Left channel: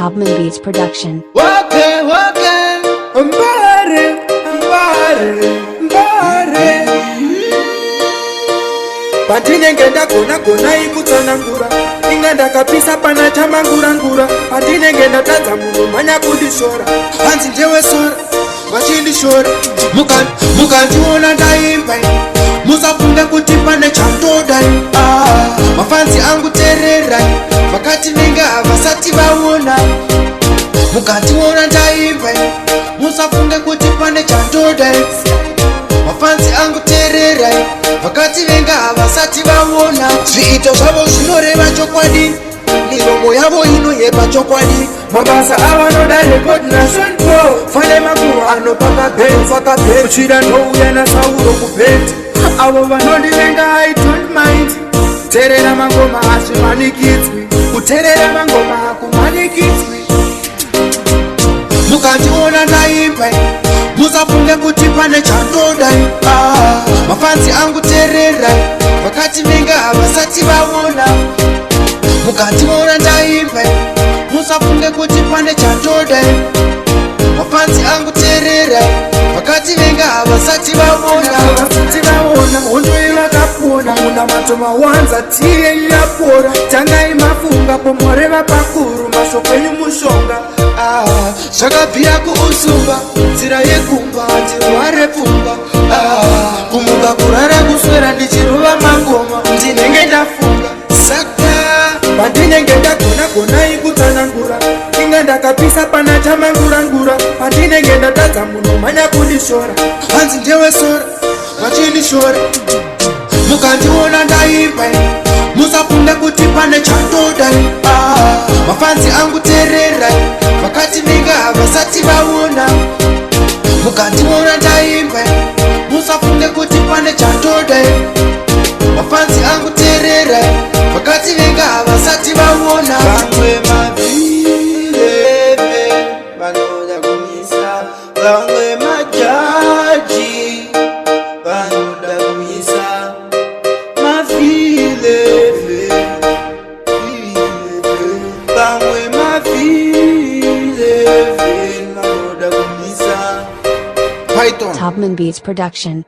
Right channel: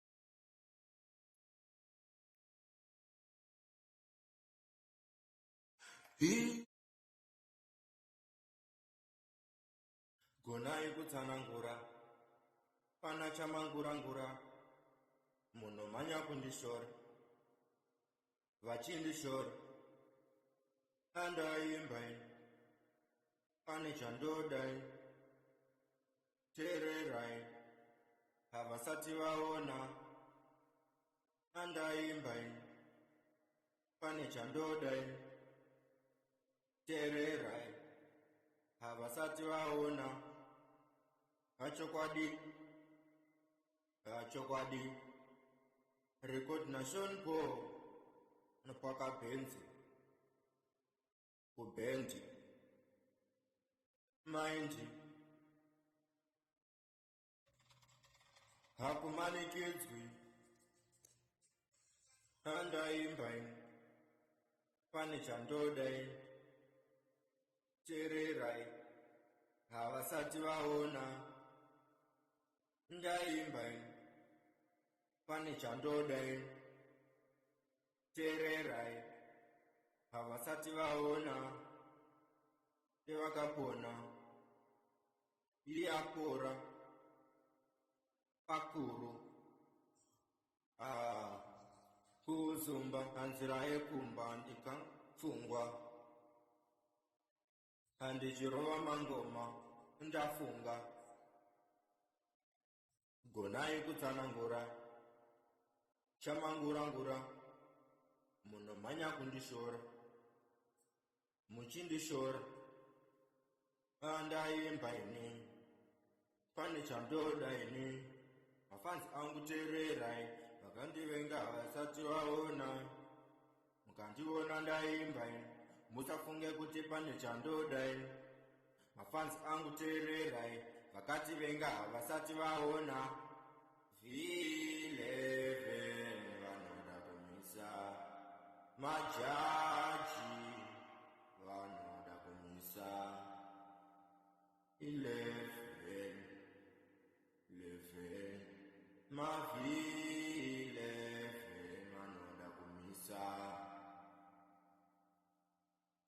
Topman Beats Production. Wake, mbare, mbare. Patinenge ndakona ikutsanangura inganda kapisa pana chamangura patinenge ndatadza munhu manya kundishora hanzi ndewe sora vachindishora mukandiona ndaimba musafunge kuti pane chamtodai mafanzi angu tererai vakati venga havasati vaona mukandiona ndaimba musafunge kuti pane chamtodai mafanzi angu tererai vakati venga havasati vaona zviito zvavo zvinoreva chokwadi miromo yavo inoyepa chokwadi mabasa avanoda rekod nation pro fane makuru anopaka bheni kuchira ndouya nasauro kubheti avo vanondivenga I don't mind terera mangoma hazvimanikidzwi kuterera mangoma hakumanikidzwi mukandiona ndaimba musafunge kuti pane chandodai mafanzi angu tererai vakati venga havasati vaona mukandiona ndaimba musafunge kuti pane chandodai mafanzi angu tererai vakati venga havasati vaona hondo ivakapona munamato mawanza tiye yapora tangai mafunga pomoreva pakuru mashoko enyu mushonga zvakabvira kuusumba nzira yekumba ndirware pfungwa kumuka kurara kuswera ndichirova mangoma ndinenge ndafunga saka pandinenge ndagona ikutsanangura inga ndakapisa pana chamangura pandinenge ndatadza munhu manya kundishora hanzi ndewe sora vachindishora mukandiona ndaimba musafunge kuti pane chandodai mafanzi angu tererai vakati venga havasati vaona mukandiona ndaimba musafunge kuti pane chandodai mafanzi angu tererai vakati venga havasati vaona vamwe mavileve vanoda kumisa vamwe majaji vanoda kumisa mavileve vamwe mavileve vanoda kumisa Python Topman Beats Production.